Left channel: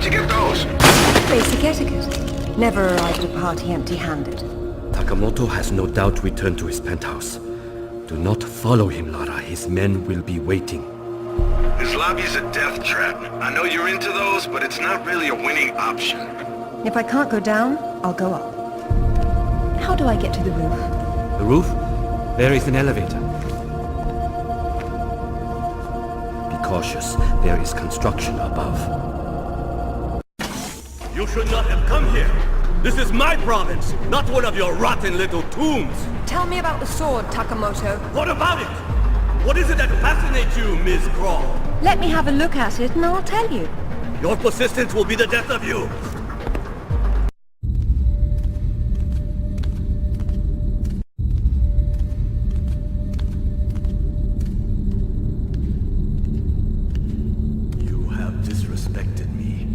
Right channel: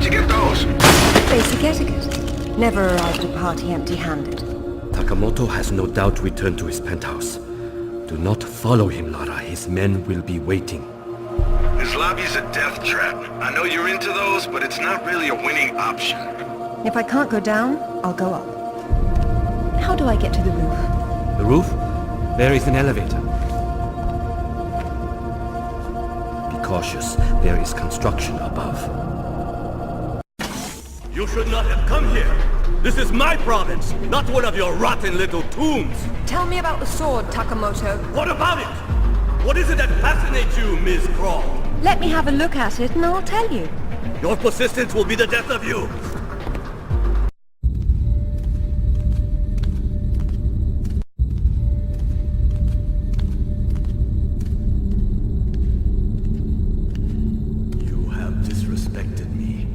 Where'd you get those? Basic etiquette. Never arrive at a party empty-handed. Takamoto has no doubt returned to his penthouse. Do not follow him, Lara. His men will be waiting. His lobby's a death trap. I know you're into those, but it's not really a winning option. If I can't go down, I'll go up. How do I get to the roof? The roof? There is an elevator. Be cautious. There is construction above. You should not have come here. This is my province, not one of your rotten little tombs. Tell me about the sword, Takamoto. What about it? What is it that fascinates you, Ms. Crawl? Let me have a look at it and I'll tell you. Your persistence will be the death of you. You have disrespected me.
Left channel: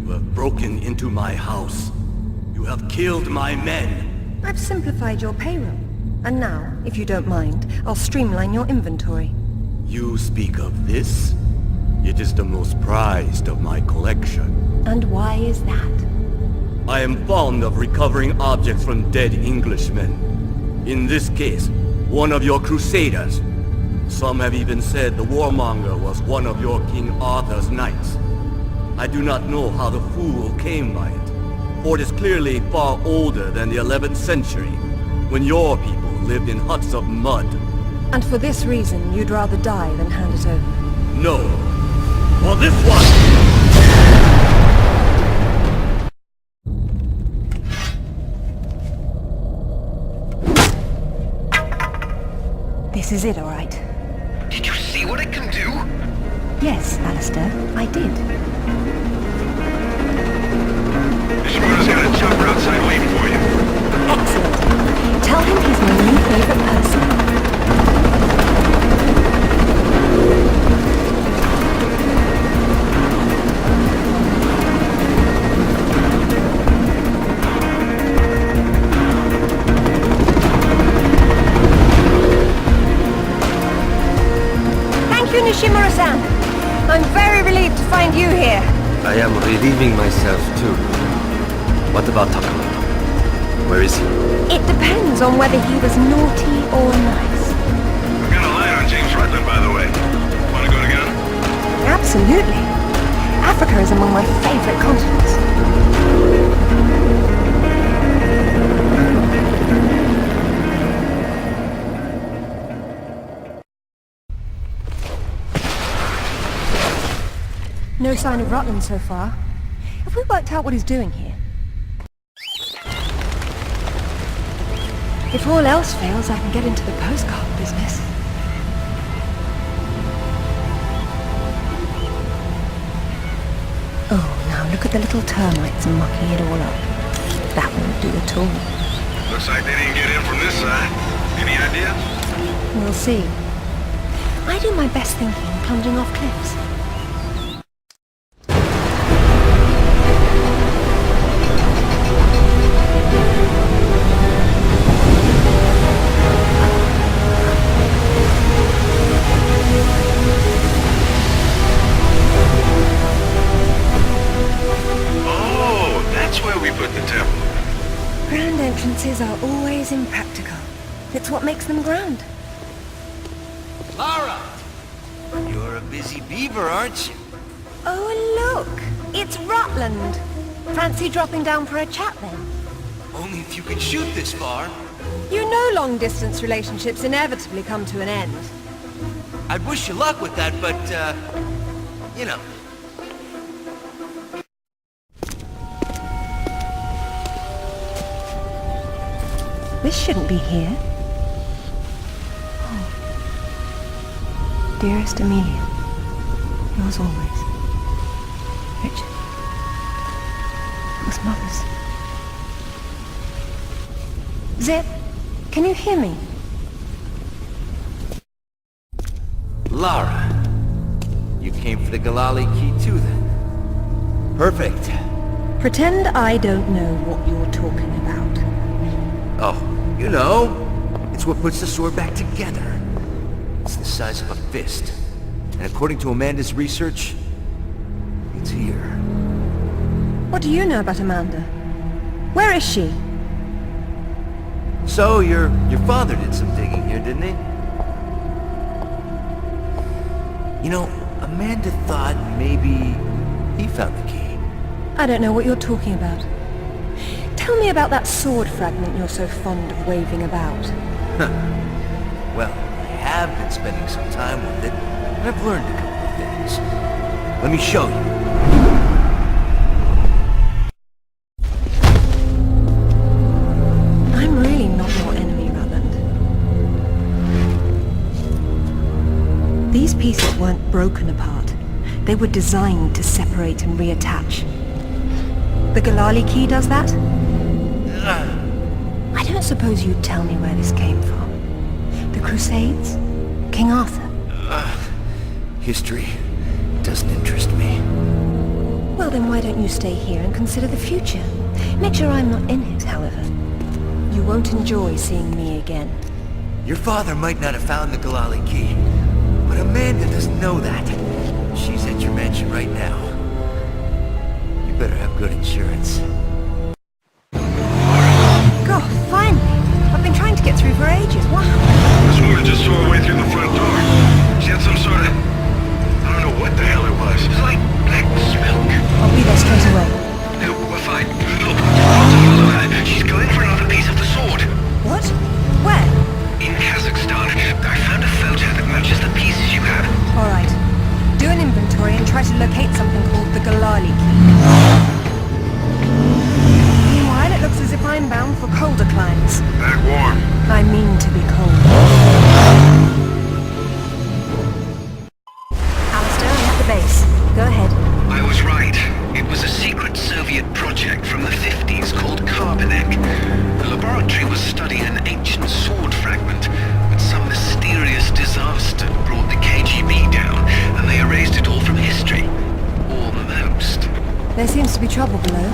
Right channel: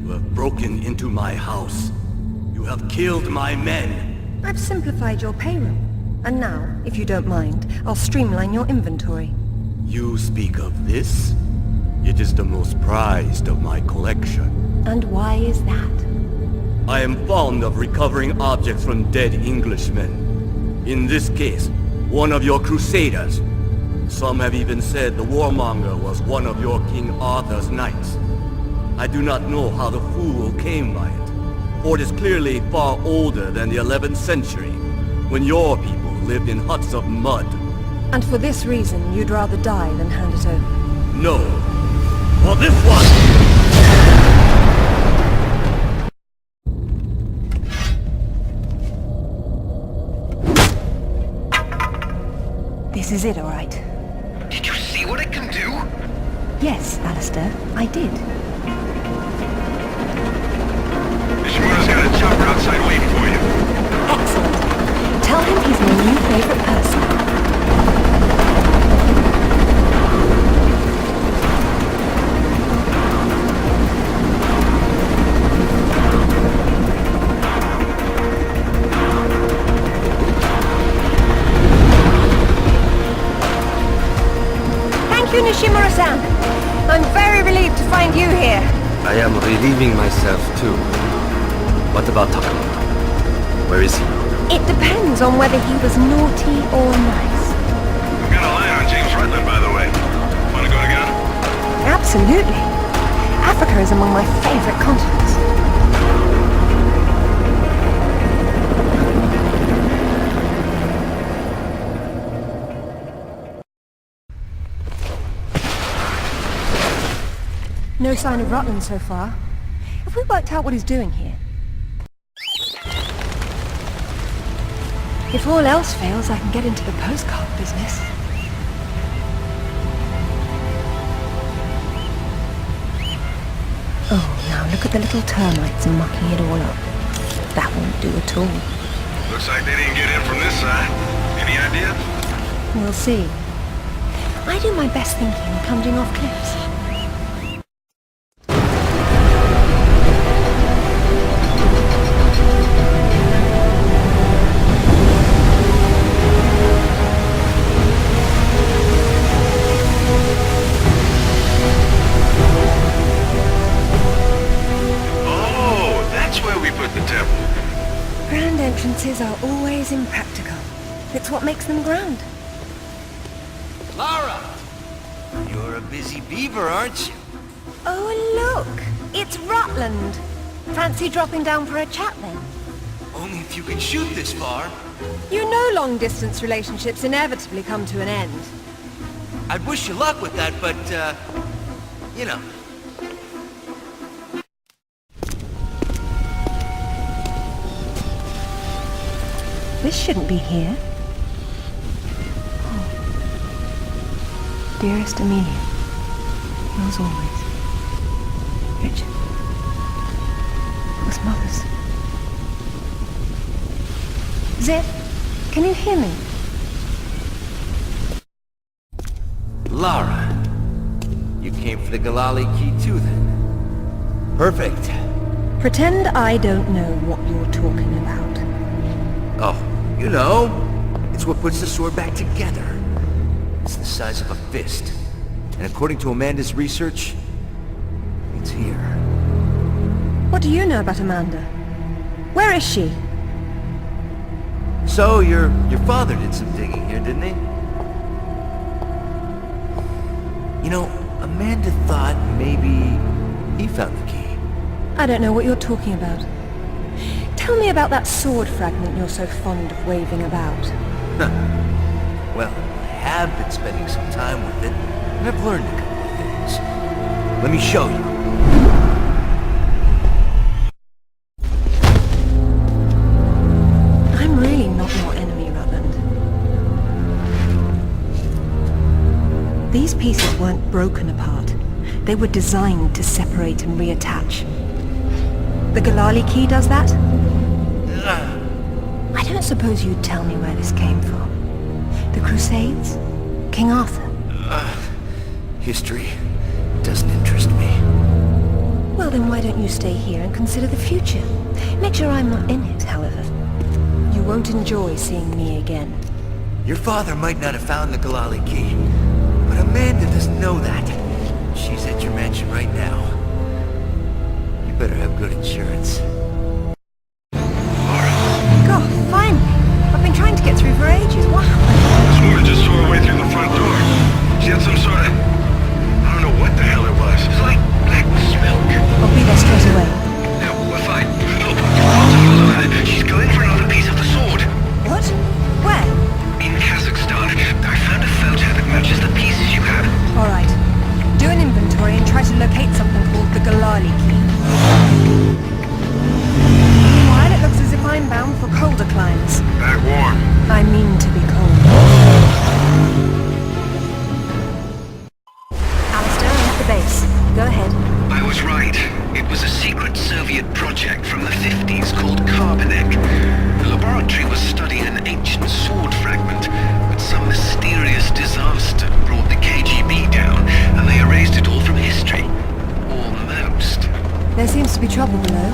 You have broken into my house. You have killed my men. I've simplified your payroll. And now, if you don't mind, I'll streamline your inventory. You speak of this? It is the most prized of my collection. And why is that? I am fond of recovering objects from dead Englishmen. In this case, one of your crusaders. Some have even said the warmonger was one of your King Arthur's knights. I do not know how the fool came by it, for it is clearly far older than the 11th century, when your people lived in huts of mud. And for this reason, you'd rather die than hand it over. No. For this one! This is it, all right. Did you see what it can do? Yes, Alistair, I did. Nishimura's got a chopper outside waiting for you. Excellent. Tell him he's my new favorite person. Thank you, Nishimura-san. I'm very relieved to find you here. I am relieving myself too. What about Takamoto? Where is he? It depends on whether he was naughty or nice. I've got a line on James Rutland, by the way. Wanna go together? Absolutely. Africa is among my favorite continents. No sign of Rutland so far. Have we worked out what he's doing here? If all else fails, I can get into the postcard business. Oh, now look at the little termites mucking it all up. That won't do at all. Looks like they didn't get in from this side. Any idea? We'll see. I do my best thinking plunging off cliffs. Grand entrances are always impractical. It's what makes them grand. Lara! You're a busy beaver, aren't you? Oh, look! It's Rutland! Fancy dropping down for a chat, then? Only if you can shoot this far. You know long-distance relationships inevitably come to an end. I'd wish you luck with that, but, you know. This shouldn't be here. Oh. Dearest Amelia, yours always. Richard. It was Mother's. Zip, can you hear me? Lara, you came for the Galali key too, then? Perfect. Pretend I don't know what you're talking about. Oh, you know, it's what puts the sword back together. It's the size of a fist. And according to Amanda's research, it's here. What do you know about Amanda? Where is she? So, your father did some digging here, didn't he? You know, Amanda thought maybe he found the key. I don't know what you're talking about. Tell me about that sword fragment you're so fond of waving about. Well, I have been spending some time with it, and I've learned a couple of things. Let me show you. I'm really not your enemy, Rutland. These pieces weren't broken apart. They were designed to separate and reattach. The Galali key does that? I don't suppose you'd tell me where this came from. The Crusades? King Arthur? History doesn't interest me. Well, then why don't you stay here and consider the future? Make sure I'm not in it, however. You won't enjoy seeing me again. Your father might not have found the Galali key, but Amanda doesn't know that. She's at your mansion right now. You better have good insurance. God, finally! I've been trying to get through for ages. What happened? This woman just saw her way through the front door. She had some sort of... I don't know what the hell it was. It's like black smoke. I'll be there straight away. No, we're fine. Look, you've got to follow her. She's going for another piece of the sword. What? Where? In Kazakhstan, I found a photo that matches the pieces you have. All right. Do an inventory and try to locate something called the Galali key. Meanwhile, it looks as if I'm bound for colder climes. Back warm. I mean to be cold. Alistair, I'm at the base. Go ahead. I was right. It was a secret Soviet project from the 50s called Karbanek. The laboratory was studying an ancient sword fragment, but some mysterious disaster brought the KGB down, and they erased it all from history. Almost. There seems to be trouble below.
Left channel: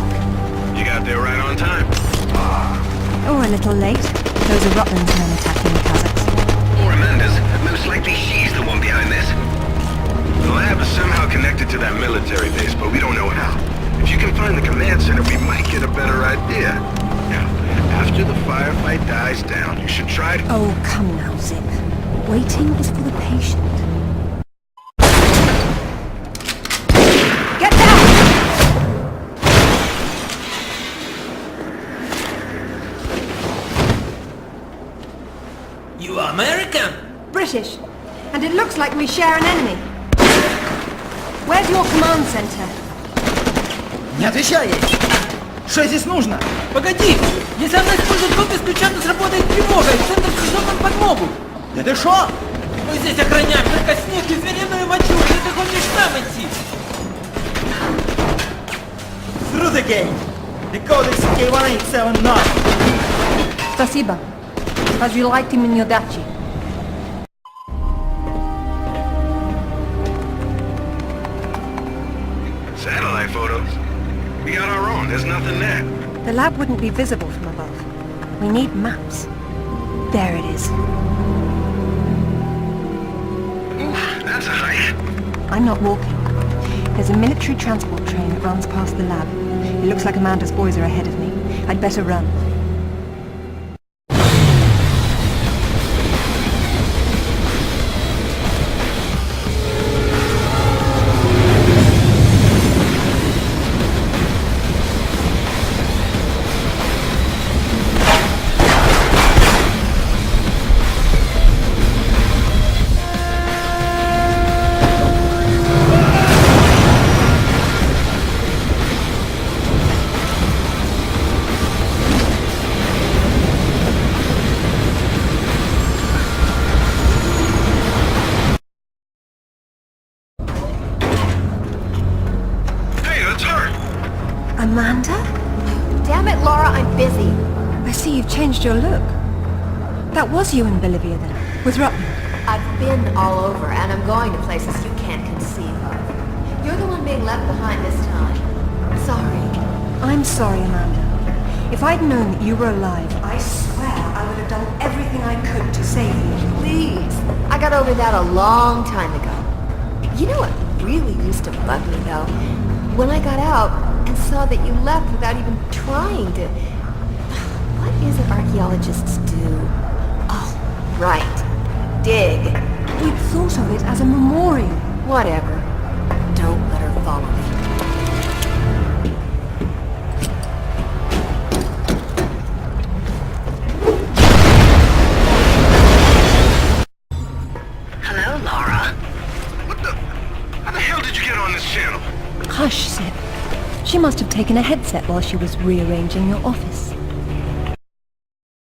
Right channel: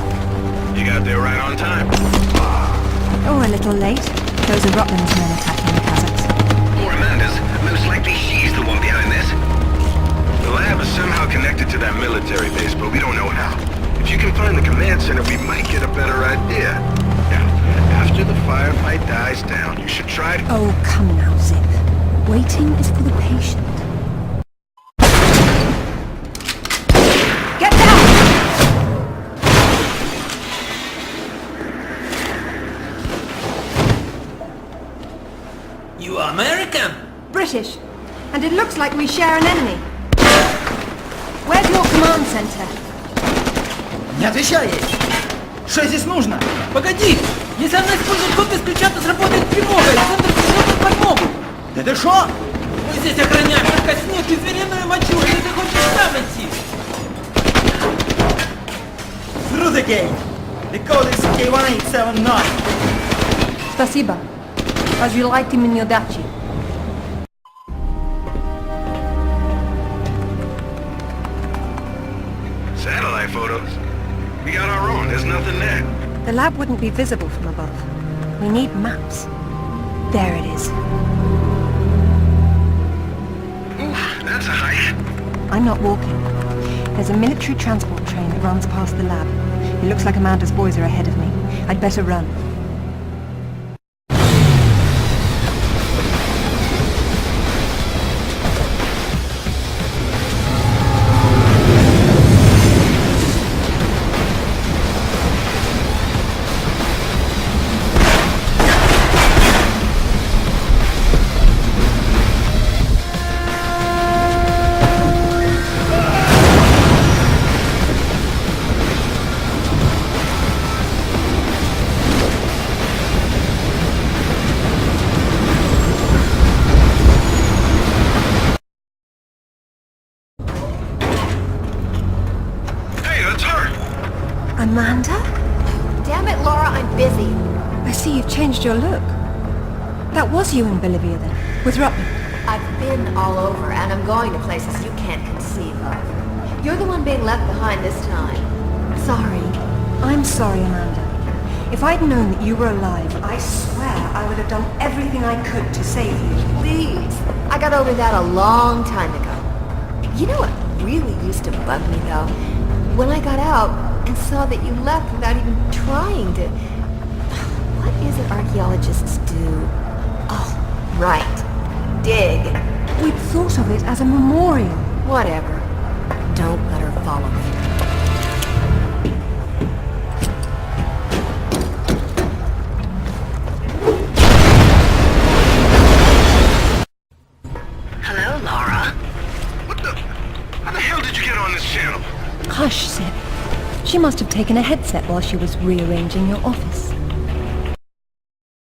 You got there right on time. Or a little late. Those are Rutland's men attacking the Kazakhs. Or Amanda's. Most likely she's the one behind this. The lab is somehow connected to that military base, but we don't know how. If you can find the command center, we might get a better idea. Now, after the firefight dies down, you should try to... Oh, come now, Zip. Waiting is for the patient. Get down! You American? British. And it looks like we share an enemy. Where's your command center? Не отвечай ей! Что здесь нужно? Погоди! Если она использует код без ключа, то сработает тревога, и центр пришлет нам подмогу! Да ты шо? Мы здесь охраняем только снег и звериную мочу, или ты хочешь сам идти? Through the gate! The code is K1879! Спасибо. Разжилайте мне удачи. Satellite photos? We got our own. There's nothing there. The lab wouldn't be visible from above. We need maps. There it is. Oof, that's a hike. I'm not walking. There's a military transport train that runs past the lab. It looks like Amanda's boys are ahead of me. I'd better run. Amanda? Damn it, Laura, I'm busy. I see you've changed your look. That was you in Bolivia then, with Rutland. I've been all over, and I'm going to places you can't conceive of. You're the one being left behind this time. Sorry. I'm sorry, Amanda. If I'd known that you were alive, I swear I would have done everything I could to save you. Please. I got over that a long time ago. You know what really used to bug me, though? When I got out, and saw that you left without even trying to... What is it archaeologists do? Oh, right. Dig. We'd thought of it as a memorial. Whatever. Don't let her follow me. Hello, Lara. What the... How the hell did you get on this channel? Hush, Seb. She must have taken a headset while she was rearranging your office.